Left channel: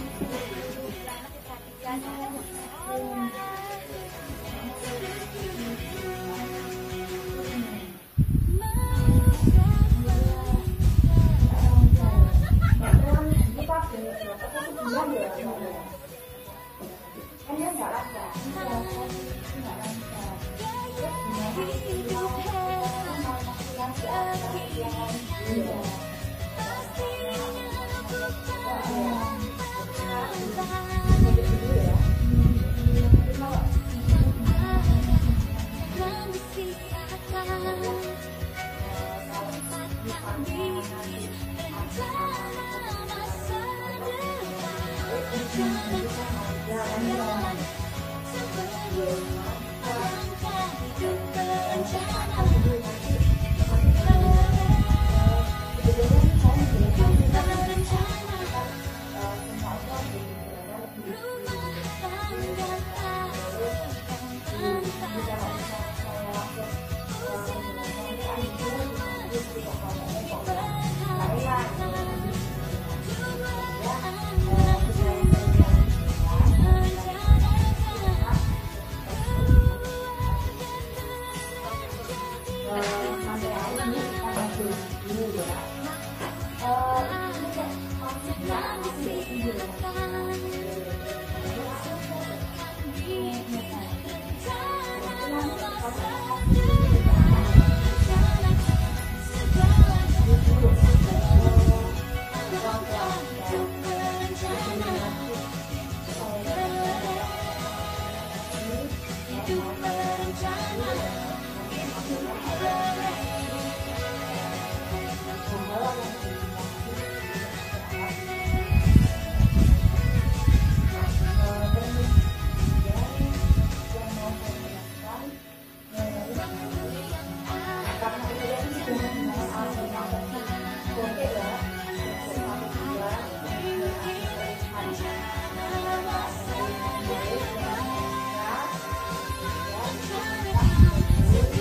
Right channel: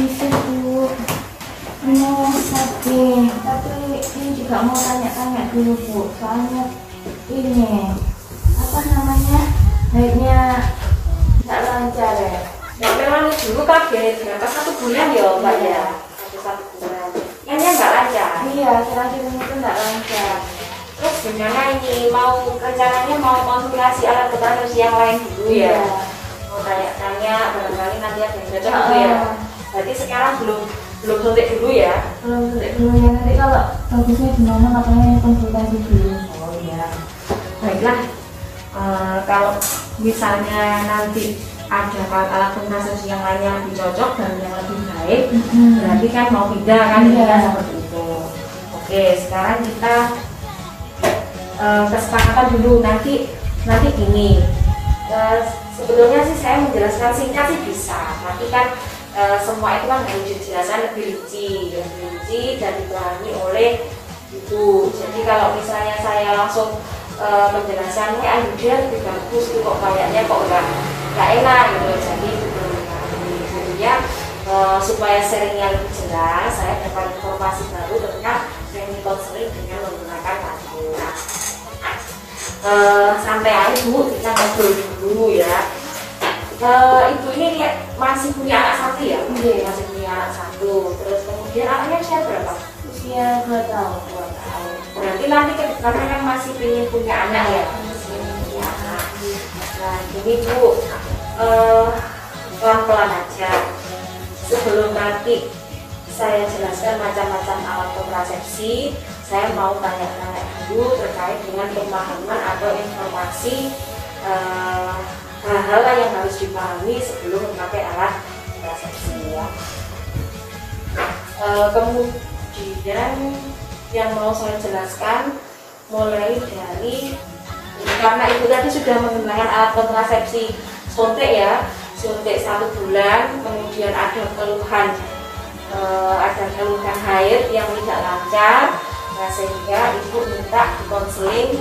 bisa Bu, mau sakit, tapi ini juga mau tanya-tanya dulu Bu, soalnya ini apa namanya, haidnya tidak lancar ya. Ya memang dulu kaget, berapa 1 bulan ya Mbak ya? Satu bulan. Kayaknya nggak lancar. Iya, terakhir ini tuh tidak lancar. Terus gimana ini rencananya mau konsultasi alat kontrasepsi yang lain dulu ya? Iya. Mau tanya-tanya barangkali nanti ada yang cocok gitu ya. Berarti sekarang belum suntik dulu ya? Belum suntik dulu ya, nanti kalau bagusnya gimana makanya konsultasi dulu. Oh iya. Baiklah. Kalau misalnya nanti ada alat kontrasepsi yang lain yang lebih cocok dan yang lebih baik, berarti kan mau pindah kan? Iya. Kan seperti itu. Oke, sekarang kita kesepakatan dulu nanti gini. Sebetulnya sih saya menjelaskan singkat sih bisa, tapi kan semua itu kan harus dijelaskan lebih rinci dan dipahami oleh ibu. Jadi kalau misalnya saya langsung menjelaskannya dia lebih bagus itu kok kayaknya kok nggak enak gitu. Jadi sebetulnya supaya sharingnya lebih jelas, saya dapat informasi baru tentang training counseling dengan menggunakan Alhamdulillah. Sampai ibu kita ngobrol dulu ya. Ibu ini masih punya anak satu ya? Iya. Masih punya anak satu. Terus kemudian anaknya usia berapa? Usia 2 tahun. Berarti nanti karena kan masih ingin punya anak ya. Nah, jadi Bu, pelan-pelan aja. Sebelum nanti saya jelaskan macam-macam alat kontrasepsi, saya mau tanya-tanya dulu terkait dengan pemahaman atau informasi hal-hal yang harus dipahami sebelum memakai alat kontrasepsi ya. Kemudian yang mau saya jelaskan mulai dari, karena itu tadi sudah menggunakan alat kontrasepsi suntik ya, suntik 1 bulan, kemudian ada keluhan haid yang tidak lancar, nah sehingga ibu minta konseling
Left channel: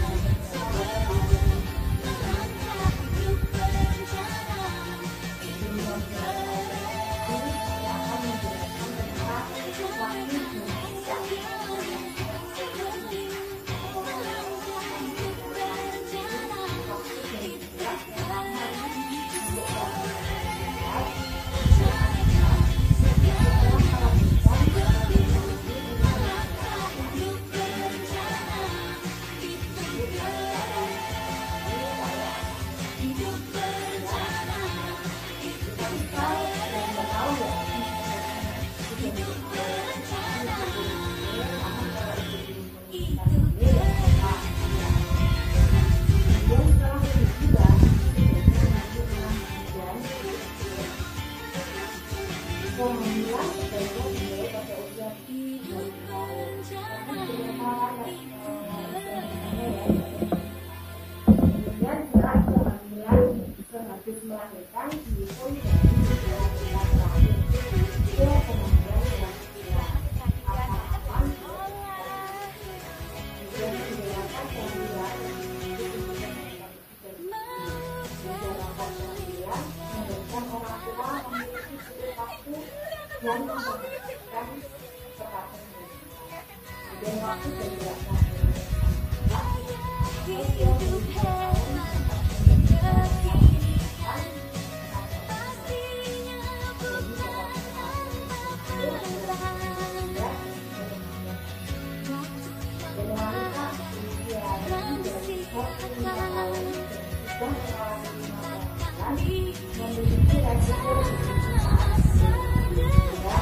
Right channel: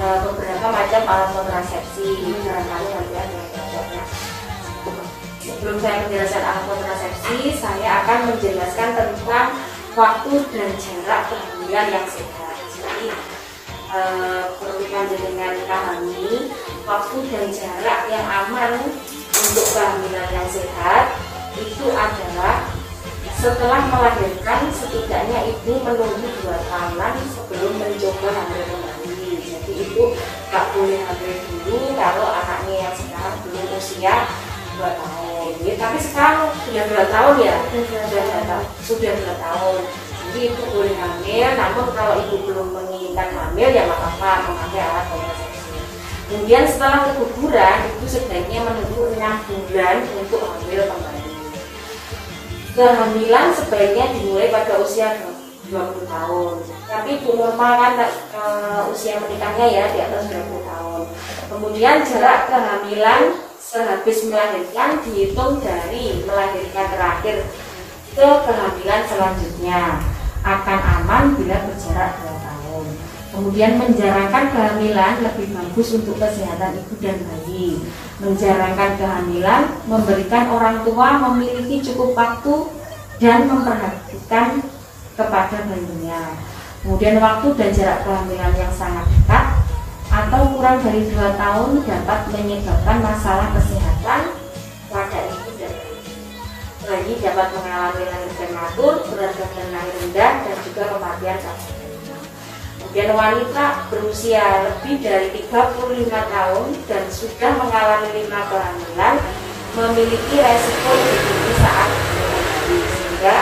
beberapa macam alat kontrasepsi. Sebelum saya menjelaskan alat kontrasepsi, saya akan menjelaskan tentang waktu dan jarak kehamilan yang sehat. Jadi perlukan dengan pahami waktu dan jarak yang aman untuk kehamilan yang sehat itu adalah setelah melahirkan setidaknya ibu menunggu 2 tahunan sebelum mencoba hamil kembali. Jadi ibu nggak boleh hamil dulu kalau anaknya yang sekarang belum usia 2 tahun. Tapi sekarang sudah 2 tahun ya, sudah 2 tahun. Jadi ibu boleh hamil, namun kalau ibu belum menginginkan hamil ya nggak apa-apa memakai alat kontrasepsi. Kemudian setelah keguguran ibu sebaiknya menunggu 6 bulan untuk hamil kembali. Kehamilan sebaiknya dimulai pada usia 20 tahun. Tapi ibu normal kan usia menikahnya ya di atas 20 tahun. Kemudian jarak kehamilan sehabis melahirkan dihitung dari melahirkan terakhir ke kehamilan selanjutnya. Akan aman bila berjarak 2 tahun. Kemudian menjarangkan kehamilan lebih bagus untuk kesehatan ibu dan bayi. Menjarangkan kehamilan memberikan orang tua memiliki cukup waktu dan memperhatikan kepada bayinya. Kemudian waktu dan jarak kehamilan yang sangat dekat atau kurang dari 2 tahun dapat menyebabkan masalah kesehatan pada ibu dan bayi, dapat mengalami lahir prematur, berat badan lahir rendah, dan juga kematian saat. Kemudian wanita berusia lebih dari 35 tahun dan sudah mengalami 5 kehamilan memiliki resiko lebih tinggi saat berbayi, sehingga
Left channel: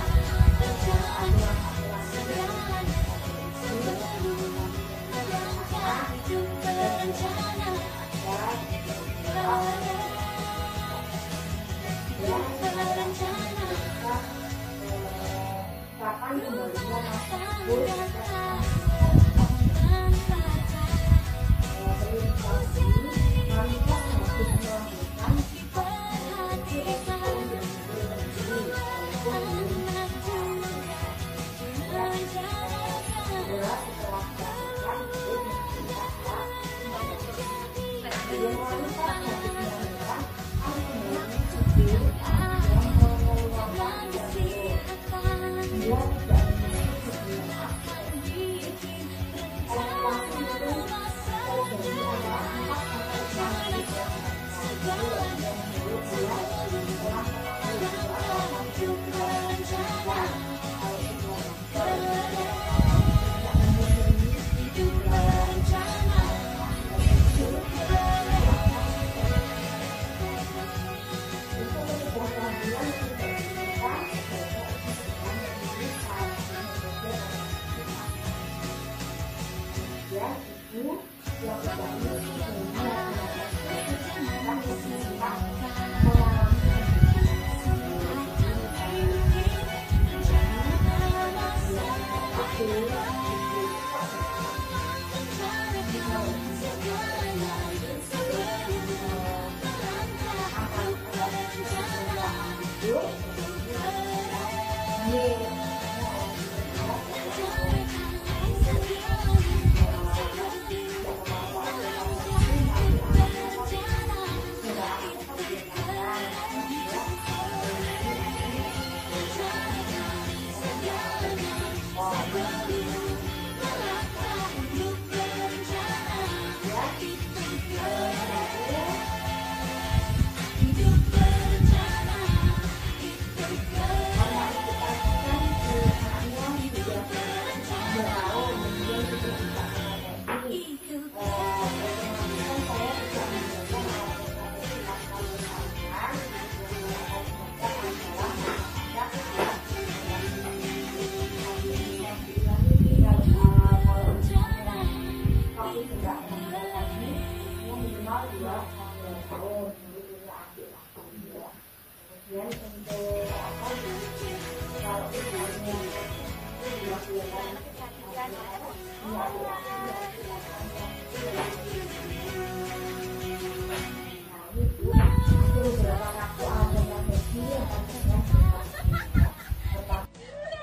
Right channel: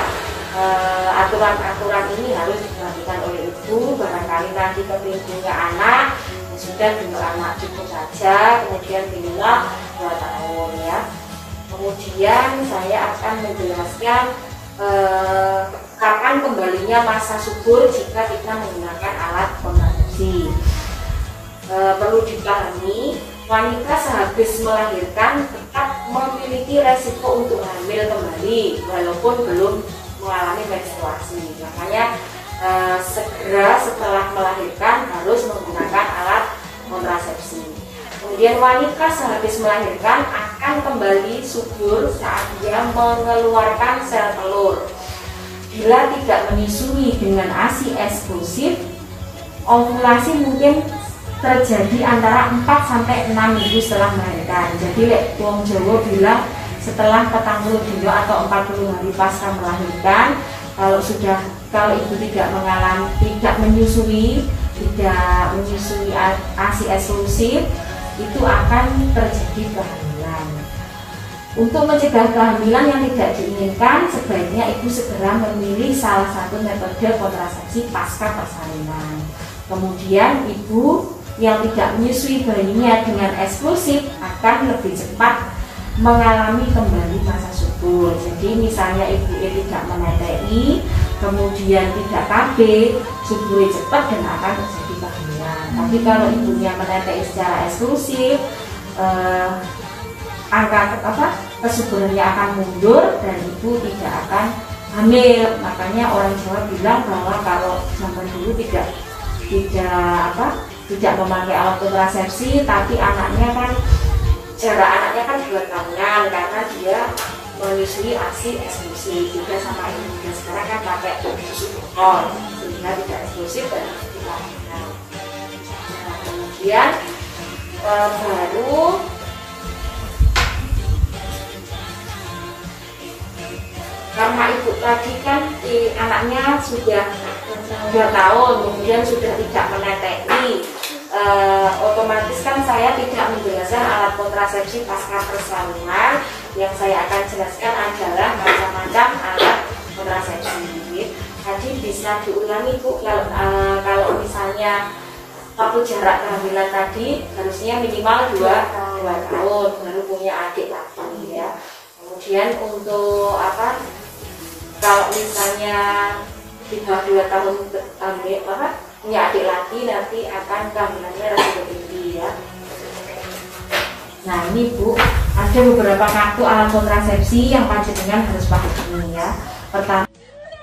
aturan-aturan ini harus diperhatikan oleh ibu. Barangkali nanti ketika anak sudah 2 anak cukup saja, kemudian di luar 2 tahun ya. Kemudian saya akan menjelaskan kapan kembalinya masa subur jika kita menggunakan alat kontrasepsi. Perlu dipahami, wanita sehabis melahirkan tetap memiliki resiko untuk hamil kembali walaupun belum mengalami menstruasi. Makanya segera setelah melahirkan harus menggunakan alat kontrasepsi. Kemudian wanita sehabis melahirkan akan kembali subur saat dia mengeluarkan sel telur. Bila tidak menyusui dengan ASI eksklusif, ovulasi mungkin terjadi antara 4-6 minggu setelah melahirkan. Jadi wong Jawa bilang setelah 40 dino atau 40 hari pasca melahirkan, kalau ibu tidak menyusui ASI eksklusif, itu akan terjadi kehamilan. Untuk mencegah kehamilan yang tidak diinginkan, sebaiknya ibu segera memilih salah satu metode kontrasepsi pasca persalinan. Kemudian ibu yang tidak menyusui bayinya dengan eksklusif akan lebih cepat mengalami kembali masa subur. Jadi misalnya ibu tidak menete'i, kemudian tidak KB, subur cepat dan akan terjadi kehamilan. Tapi kalau ibunya menete'i secara eksklusif, angka kesuburannya akan mundur dan ibu tidak akan hamil. Makanya orang Jawa bilang bahwa kalau zaman dulu tidak memakai alat kontrasepsi, tapi anaknya kan jarak anaknya kan 2 tahunan karena dia menyusui ASI eksklusif juga sama ini. Sekarang kan pakai susu sehingga tidak eksklusif dan kemudian baru karena ibu tadi kan anaknya sudah 2 tahun, kemudian sudah tidak menete'i, otomatis kan saya tidak menjelaskan alat kontrasepsi pasca persalinan. Yang saya akan jelaskan adalah macam-macam alat kontrasepsi. Jadi bisa diulangi Bu, kalau misalnya waktu jarak kehamilan tadi harusnya minimal 2 tahun baru punya adik lagi ya. Kemudian untuk kalau misalnya di bawah 2 tahun punya adik lagi, nanti akan kehamilannya lebih tinggi ya. Nah ini Bu, ada beberapa kartu alat kontrasepsi yang panjenengan harus pahami ya. Pertama,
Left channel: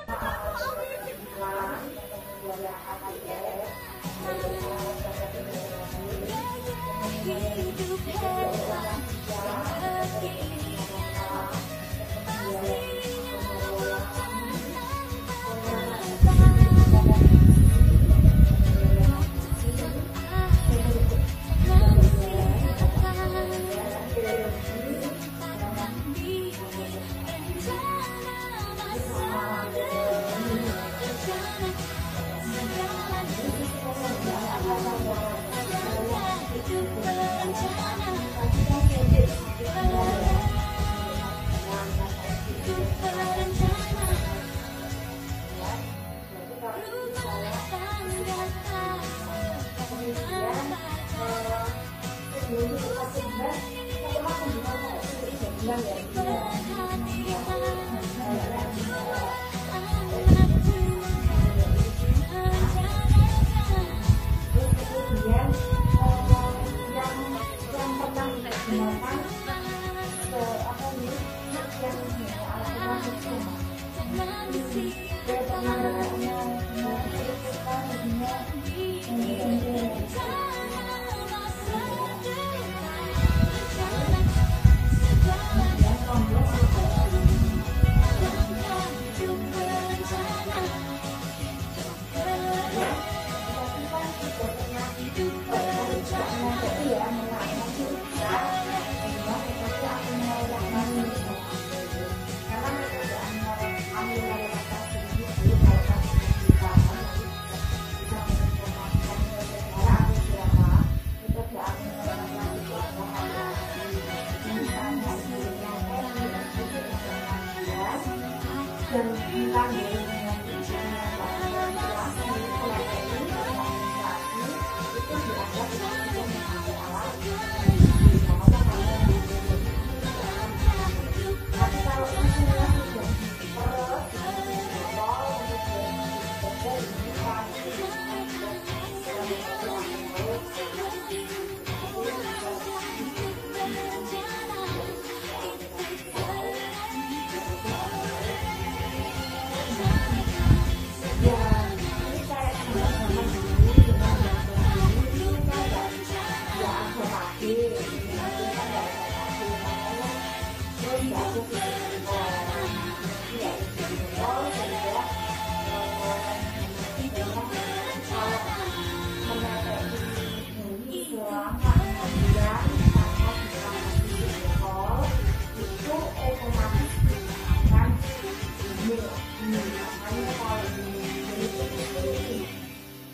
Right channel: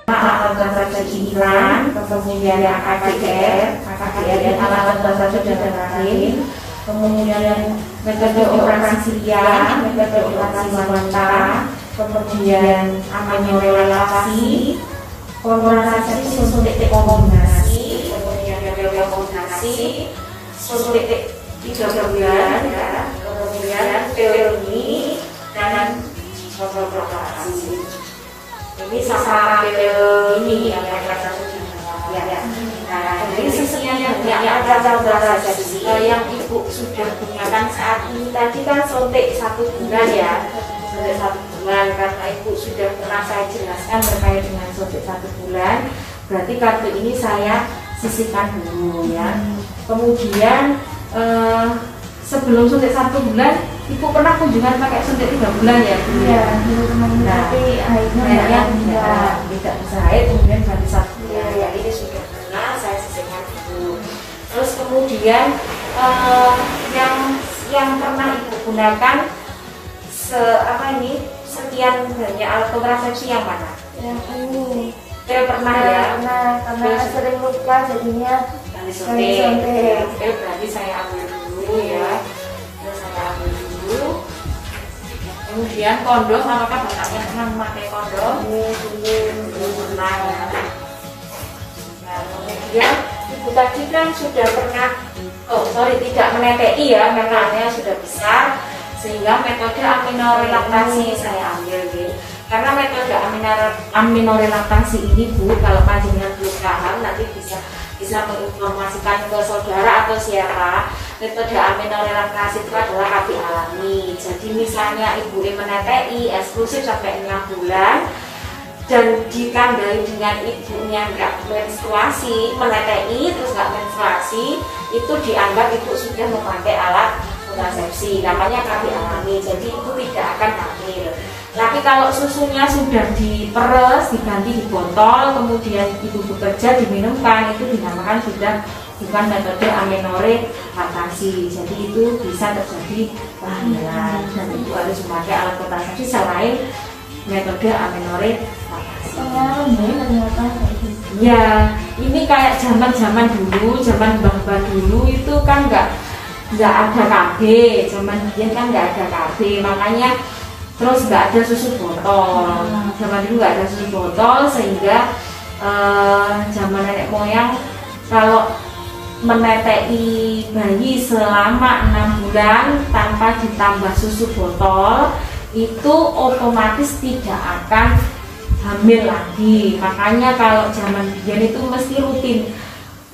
alat kontrasepsi iklan, kemudian yang AKDR dan alat kontrasepsi lain, kemudian metode operasi pria, metode operasi wanita, kemudian aminorelatasi, kontrasepsi suntik rekomendasi, kemudian rekomendasi suntik 3 bulan ya, kemudian teori dan kontrasepsi. Ini sama ini yang ya. Nah, jadi sesungguhnya yang ada kontrasepsi yang ibu sudah gunakan saat ini tadi kan suntik 1 bulan ya, suntik 1 bulan karena ibu sudah pernah saya jelaskan terkait dengan suntik 1 bulan. Berarti kartu ini saya sisihkan dulu ya. Kemudian sebelum suntik 1 bulan, ibu pernah kunjungan pakai suntik 3 bulan ya? Iya, tapi akhirnya tidak bisa haid, kemudian ganti 1 bulan. Ya ini sudah pernah saya sisihkan dulu. Terus kemudian yang pernah ibu gunakan sekian banyak alat kontrasepsi yang mana? Yang ini. Pernah ya? Karena sering lupa jadinya suntik. Berarti saya ambil dulu ya. Saya ambil dulu. Kemudian kondom, apakah bapaknya pernah memakai kondom? Belum pernah. Kemudian ibu tadi kan sudah pernah, tidak menete'i ya, karena sudah besar, sehingga metode aminorelaktasi saya ambil gitu. Karena metode aminorelaktasi ini Bu, kalau panjenengan belum paham nanti bisa menginformasikan ke saudara atau siapa. Metode aminorelaktasi itu adalah KB alami. Jadi misalnya ibu menete'i eksklusif sampai 6 bulan dan ditandai dengan ibunya nggak menstruasi, menete'i terus nggak menstruasi, itu dianggap ibu sudah memakai alat kontrasepsi, namanya KB alami. Jadi ibu tidak akan hamil. Tapi kalau susunya sudah diperes, diganti di botol, kemudian ibu bekerja diminumkan, itu dinamakan sudah bukan metode aminorelaktasi. Jadi itu bisa terjadi kehamilan dan ibu harus memakai alat kontrasepsi selain metode aminorelaktasi. Ya, ini kayak zaman dulu, zaman mbah-mbah dulu itu kan nggak nggak ada KB, zaman dulu kan nggak ada KB, makanya terus nggak ada susu botol. Zaman dulu nggak ada susu botol, sehingga zaman nenek moyang kalau menetei bayi selama 6 bulan tanpa ditambah susu botol itu otomatis tidak akan hamil lagi. Makanya kalau zaman dulu itu mesti rutin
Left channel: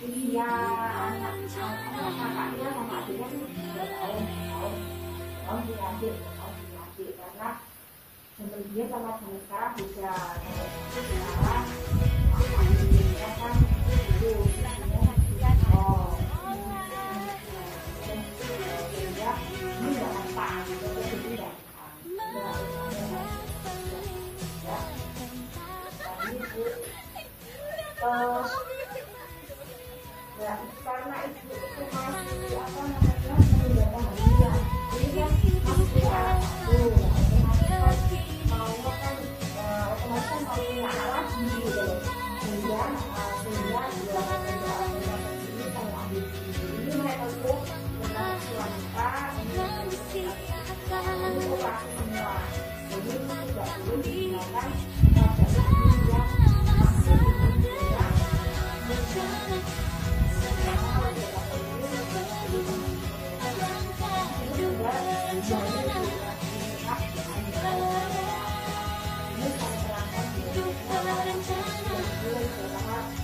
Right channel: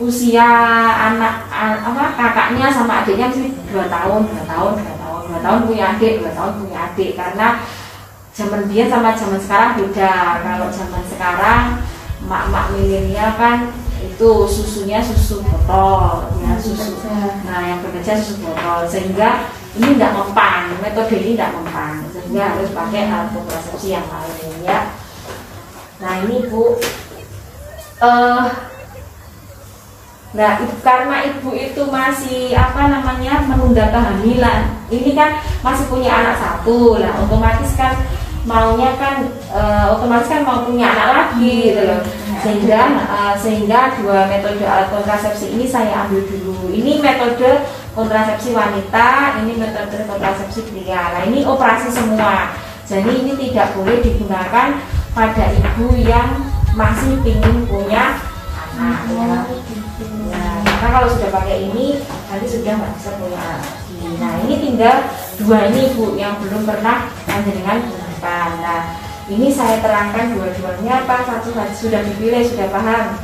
usia anak kakaknya sama adiknya mesti 2 tahun punya adik, 2 tahun punya adik, karena zaman dulu sama zaman sekarang beda. Kalau zaman sekarang emak-emak milenial kan itu susunya susu botol ya, susu. Nah yang bekerja susu botol, sehingga ini tidak mempan, metode ini tidak mempan, sehingga harus pakai alat kontrasepsi yang lain ya. Nah ini Bu, nah karena ibu itu masih menunda kehamilan, ini kan masih punya anak 1, lah otomatis kan maunya kan otomatis kan mau punya anak lagi gitu loh. Sehingga 2 metode alat kontrasepsi ini saya ambil dulu. Ini metode kontrasepsi wanita, ini metode kontrasepsi pria. Nah ini operasi semua, jadi ini tidak boleh digunakan pada ibu yang masih ingin punya anak. Karena kalau sudah pakai ini nanti sudah nggak bisa punya anak. Nah ini tinggal 2 ini Bu yang belum pernah panjenengan gunakan. Nah ini saya terangkan dua-duanya apa satu sudah dipilih, sudah paham?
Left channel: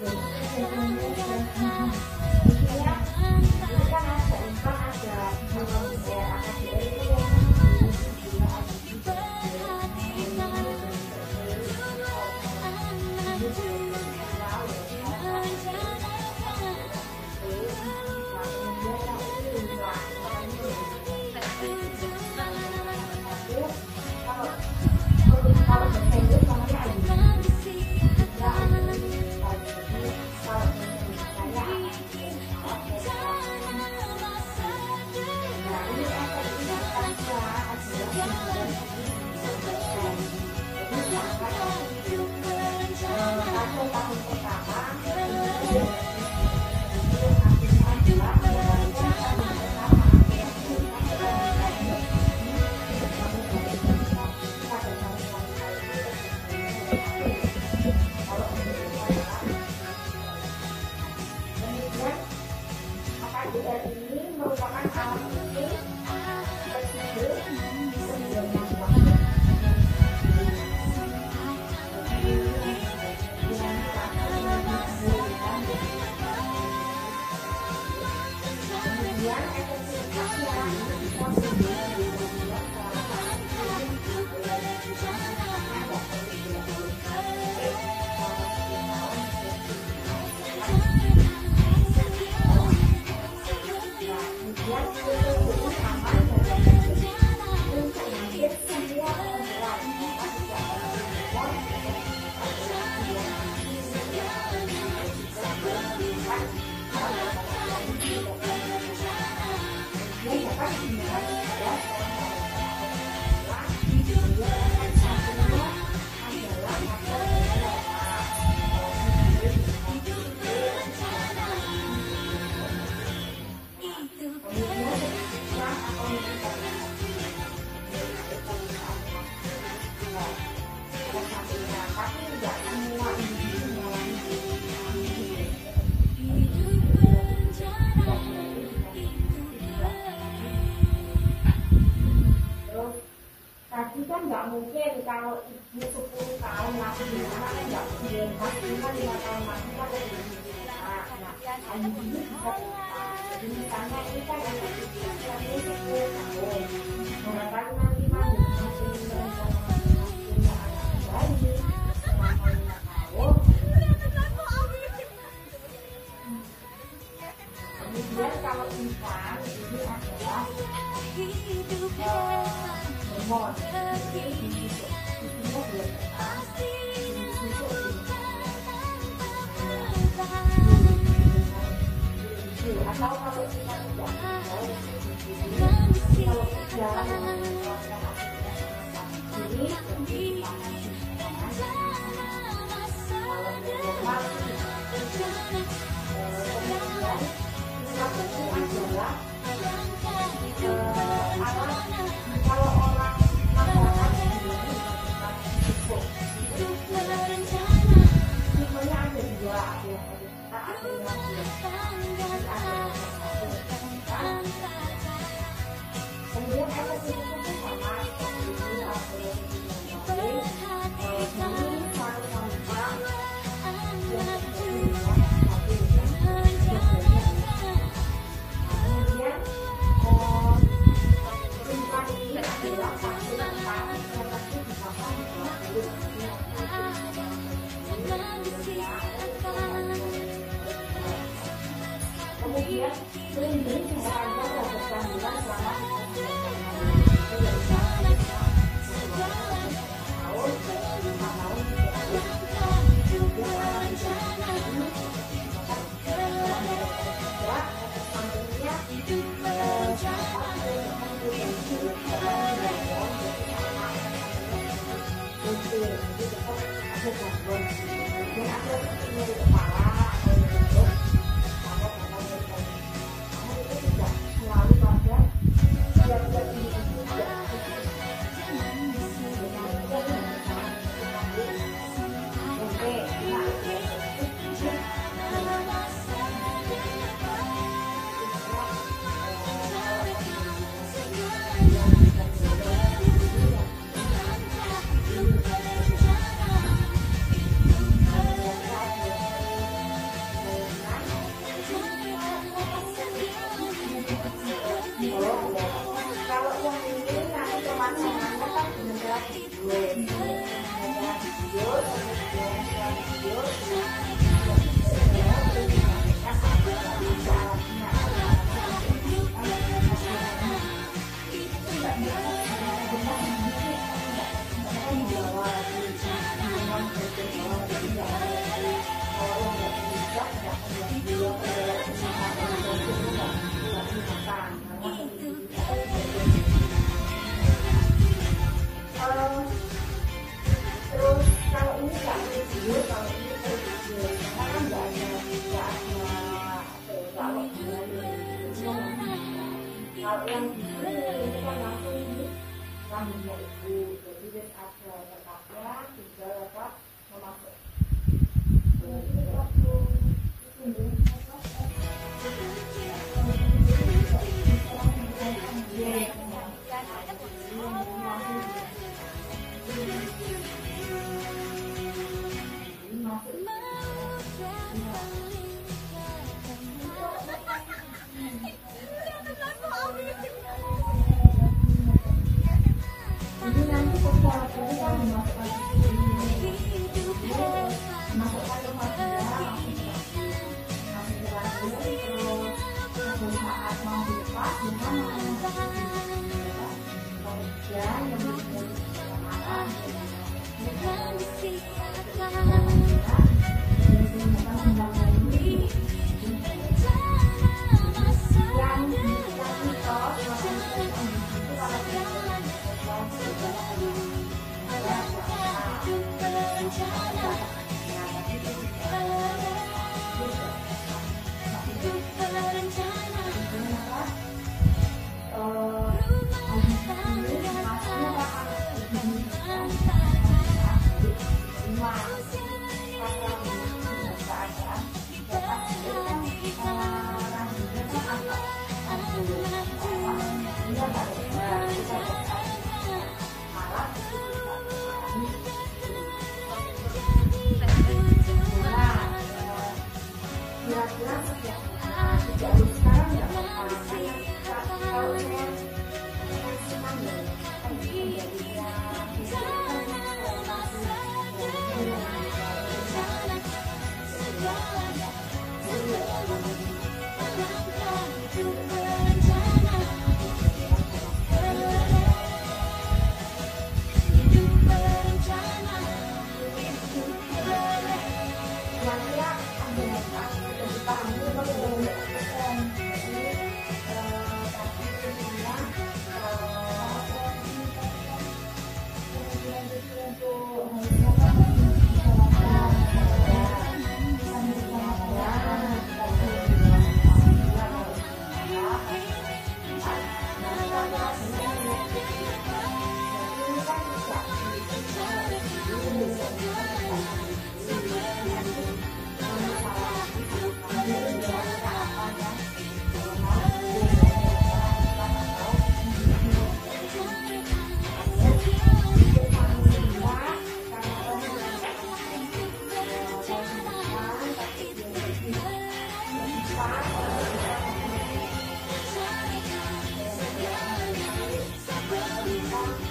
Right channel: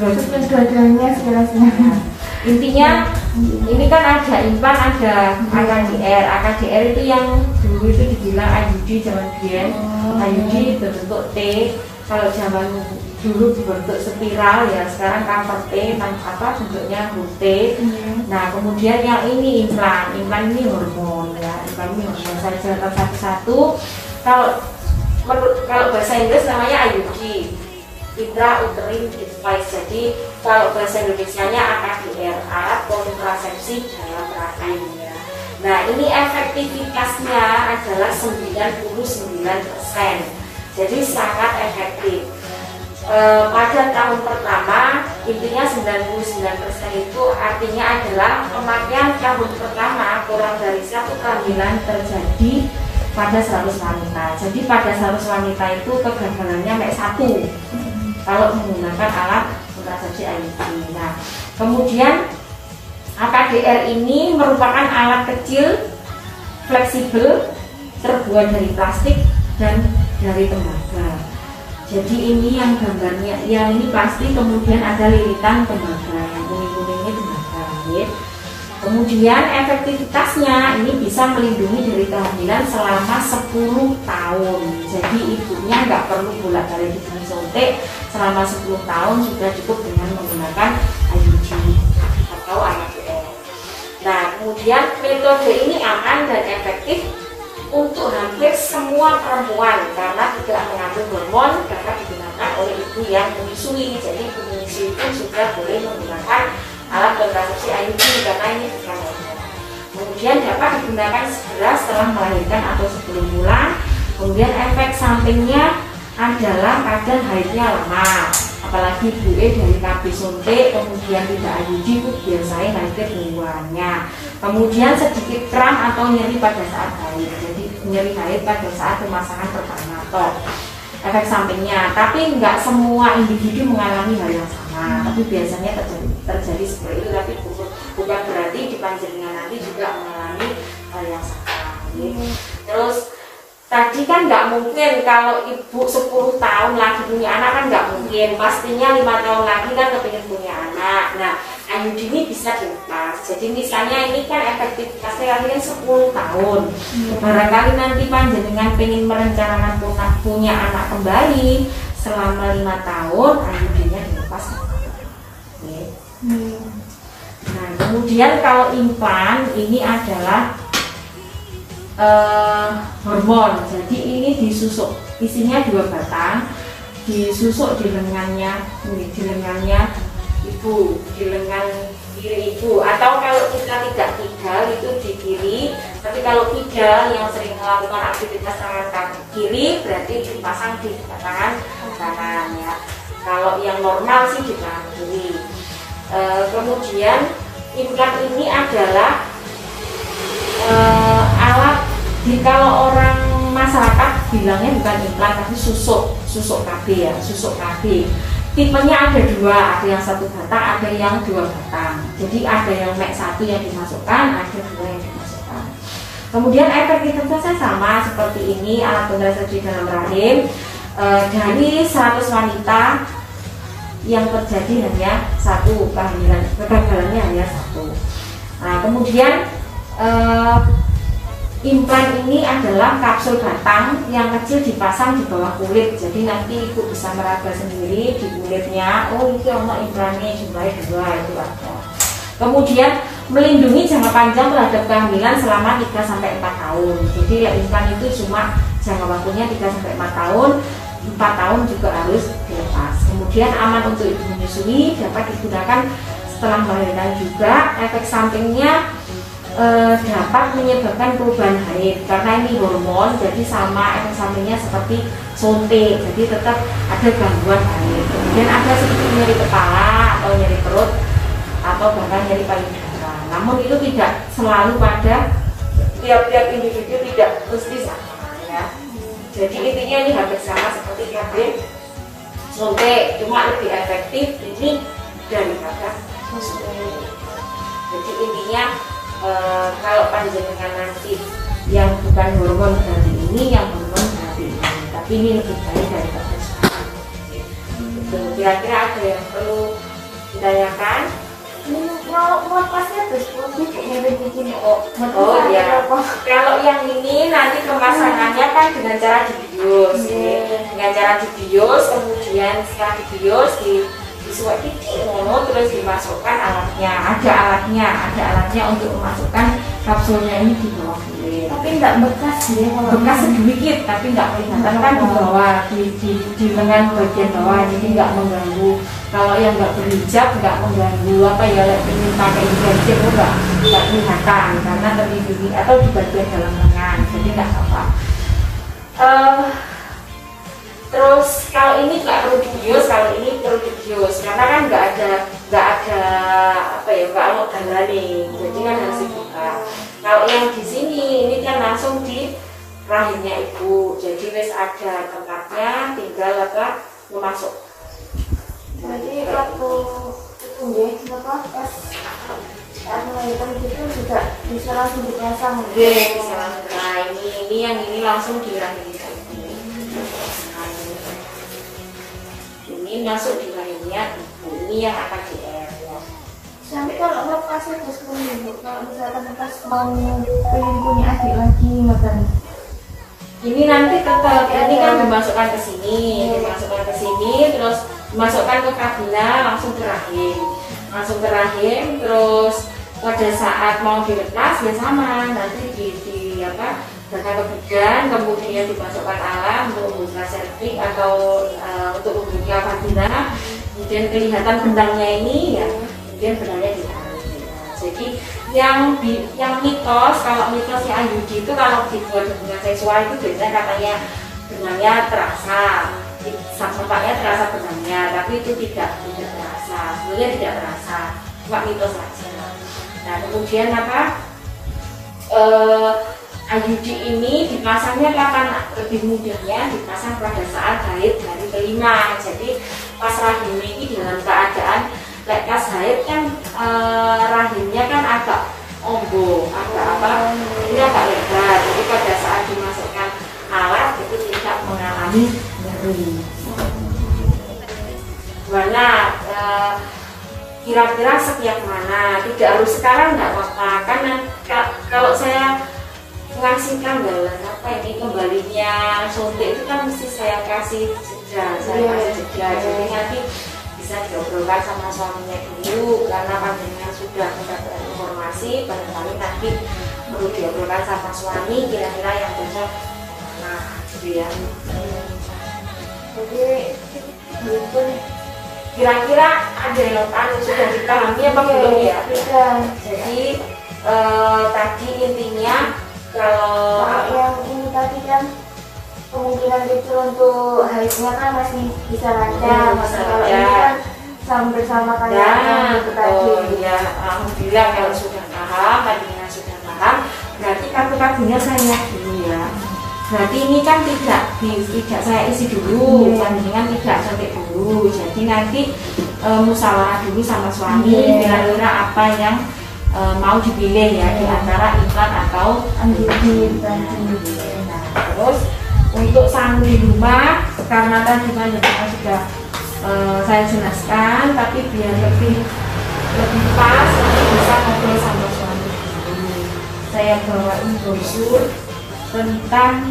Dua-duanya sekarang. Intinya ini kan ada implan, ada AKDR. AKDR itu yang dulu itu dibilang IUD zaman dulu. IUD berbentuk T. Kalau zaman dulu berbentuk spiral ya, sekarang cover T, bentuknya T. Nah kemudian yang ini implan ini hormon ya, implan ini hormon. Saya jelaskan satu-satu. Kalau bahasa Inggris namanya IUD, intrauterine device. Jadi kalau bahasa Indonesianya AKDR, alat kontrasepsi dalam rahim. Nah ini efektivitasnya adalah 99%, jadi sangat efektif. Pada tahun pertama intinya 99% itu artinya adalah pemakaian tahun pertama kurang dari 1 kehamilan terjadi pada 100 wanita. Jadi pada 100 wanita itu kegagalannya naik 1 kalau menggunakan alat kontrasepsi IUD. Nah kemudian AKDR ini merupakan alat kecil, fleksibel, terbuat dari plastik dan dari tembaga. Jadi ini yang gambarnya, ya ini plastik, kemudian ada lilitan tembaga, ini tembaga. Kemudian efektivitasnya ini bisa melindungi dari kehamilan selama 10 tahun. Jadi ibunya nggak perlu bolak-balik disuntik selama 10 tahun, sudah cukup dengan menggunakan IUD atau AKDR. Nah kemudian metode ini aman dan efektif untuk hampir semua perempuan karena tidak mengandung hormon, karena digunakan oleh ibu yang menyusui. Jadi ibu menyusui pun sudah boleh menggunakan alat kontrasepsi IUD karena ini bukan hormon. Kemudian dapat digunakan segera setelah melahirkan atau sebelum bulan. Kemudian efek sampingnya adalah kadang haidnya lama, apalagi gue dari KB suntik, kemudian tidak IUD itu biasanya haidnya duluannya. Kemudian sedikit kram atau nyeri pada saat haid, jadi nyeri haid pada saat pemasangan pertama toh efek sampingnya. Tapi nggak semua individu mengalami hal yang sama, tapi biasanya terjadi seperti itu. Tapi bukan berarti di panjenengan nanti juga mengalami hal yang sama. Terus tadi kan nggak mungkin kalau ibu 10 tahun lagi punya anak, kan nggak mungkin, pastinya 5 tahun lagi kan kepingin punya anak. Nah IUD ini bisa dilepas. Jadi misalnya ini kan efektivitasnya kali kan 10 tahun. Barangkali nanti panjenengan pengen merencanakan punya anak kembali selama 5 tahun, IUD-nya dilepas. Nah kemudian kalau implan ini adalah hormon. Jadi ini disusuk, isinya 2 batang, disusuk di lengannya ibu, di lengan kiri ibu. Atau kalau kita tidak tinggal itu di kiri, tapi kalau tidak yang sering melakukan aktivitas tangan kaki kiri berarti dipasang di tangan kanan ya. Kalau yang normal sih di tangan kiri. Kemudian implan ini adalah alat kalau orang masyarakat bilangnya bukan implan tapi susuk KB ya, susuk KB. Tipenya ada dua, ada yang satu batang, ada yang dua batang. Jadi ada yang mek satu yang dimasukkan, ada dua yang dimasukkan. Kemudian efektivitasnya sama seperti ini, alat pendeteksi dalam rahim. Dari 100 wanita yang terjadi hanya satu kehamilan, kegagalannya hanya satu. Nah, kemudian implan ini adalah kapsul batang yang kecil dipasang di bawah kulit. Jadi nanti ibu bisa meraba sendiri di kulitnya. Oh, itu ada implannya jumlahnya 2 itu ada. Kemudian melindungi jangka panjang terhadap kehamilan selama 3-4 tahun. Jadi implan itu cuma jangka waktunya 3-4 tahun. 4 tahun juga harus dilepas. Kemudian aman untuk ibu menyusui, dapat digunakan setelah melahirkan juga. Efek sampingnya dapat menyebabkan perubahan haid karena ini hormon, jadi sama efek sampingnya seperti suntik, jadi tetap ada gangguan haid. Kemudian ada sedikit nyeri kepala atau nyeri perut atau bahkan nyeri payudara. Namun itu tidak selalu pada tiap-tiap individu, tidak mesti sama ya. Jadi intinya ini hampir sama seperti KB suntik, cuma lebih efektif ini daripada suntik. Jadi intinya kalau panjenengan nanti yang bukan hormon dari ini, yang hormon dari ini, tapi ini lebih baik daripada sekarang. Kira-kira ada yang perlu ditanyakan? Kalau lepasnya begini. Oh ya, kalau yang ini nanti kemasangannya kan dengan cara dibius, dengan cara dibius, kemudian setelah dibius disuap terus dimasukkan alatnya, ada alatnya untuk memasukkan kapsulnya ini di bawah kulit. Tapi nggak bekas ya, bekas sedikit tapi nggak kelihatan kan di bawah, di lengan bagian bawah, jadi nggak mengganggu. Kalau yang nggak berhijab nggak mengganggu apa ya, ingin pakai hijab itu nggak kelihatan karena terlindungi atau di bagian dalam lengan, jadi nggak apa. Terus kalau ini nggak perlu dibius, kalau ini perlu dibius karena kan nggak ada apa ya, nggak mau nih, jadi kan harus dibuka. Kalau yang di sini ini kan langsung di rahimnya ibu, jadi wes ada tempatnya, tinggal apa memasuk. Jadi waktu itu apa pas melahirkan itu juga bisa langsung dipasang. Bisa langsung. Nah ini yang ini langsung di rahim. Ini masuk di rahimnya, ini yang akan di Tapi kalau lepasnya terus kalau misalkan pas mau pengen punya adik lagi makan. Ini nanti tetap ini kan dimasukkan ke sini, terus dimasukkan ke kabina langsung ke rahim, terus pada saat mau dilepas ya sama, nanti di apa bakal kebegan, kemudian dimasukkan alat untuk membuka serviks atau untuk membuka vagina, kemudian kelihatan benangnya ini ya, kemudian benangnya di. Jadi yang mitos, kalau mitosnya IUD itu kalau dibuat hubungan seksual itu biasanya katanya benangnya terasa, sampainya terasa benangnya, tapi itu tidak terasa, sebenarnya tidak terasa, cuma mitos saja. Nah kemudian apa? IUD ini dipasangnya kapan lebih mudahnya, dipasang pada saat haid hari kelima. Jadi pas rahim ini dalam keadaan pas haid kan rahimnya kan agak ombo, agak apa, ini agak lebar. Jadi pada saat dimasukkan alat itu tidak mengalami nyeri. Mana kira-kira setiap mana? Tidak harus sekarang, nggak apa-apa. Karena kalau saya ngasih gambaran apa ini kembalinya suntik itu kan mesti saya kasih jeda, jadi nanti bisa diobrolkan sama suaminya dulu karena panjenengan sudah bisa berinformasi, barangkali nanti perlu diobrolkan sama suami kira-kira yang cocok. Nah, gitu ya. Kira-kira ada yang sudah dipahami apa belum ya? Jadi tadi intinya kalau yang ini tadi kan kemungkinan kecil untuk haidnya kan masih bisa lancar, kalau ini kan bersama kalian ya, tadi ya, alhamdulillah bilang kalau sudah paham, Madinah sudah paham, berarti kartu-kartunya saya lihat dulu ya. Berarti ini kan tidak saya isi dulu, mendingan tidak sampai dulu. Jadi nanti musyawarah dulu sama suami kira-kira apa yang mau dipilih ya di antara iklan atau anjing. Nah, terus untuk sambil rumah karena tadi manajemen sudah saya jelaskan, tapi biar lebih pas nanti bisa ngobrol sama suami. Saya bawain brosur tentang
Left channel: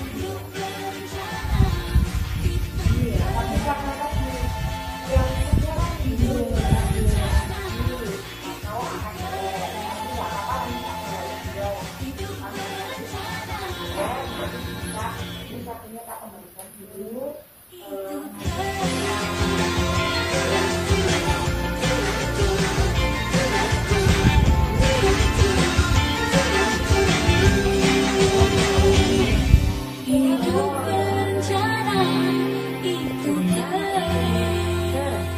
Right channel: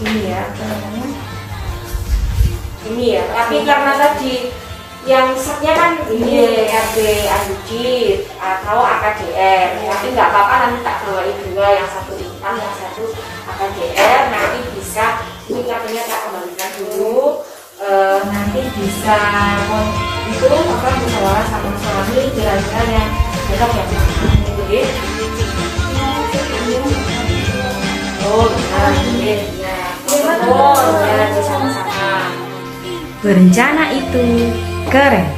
ini ya, ini ya. Tapi karena tadi yang setnya kan ini RB Adjudit atau AKDR, tapi nggak apa-apa, nanti tak bawain juga yang satu hitam, yang satu AKDR. Nanti bisa ini katanya tak kembalikan dulu, nanti bisa itu apa musyawarah sama suami kira-kira yang kita dapat ini. Berencana itu keren.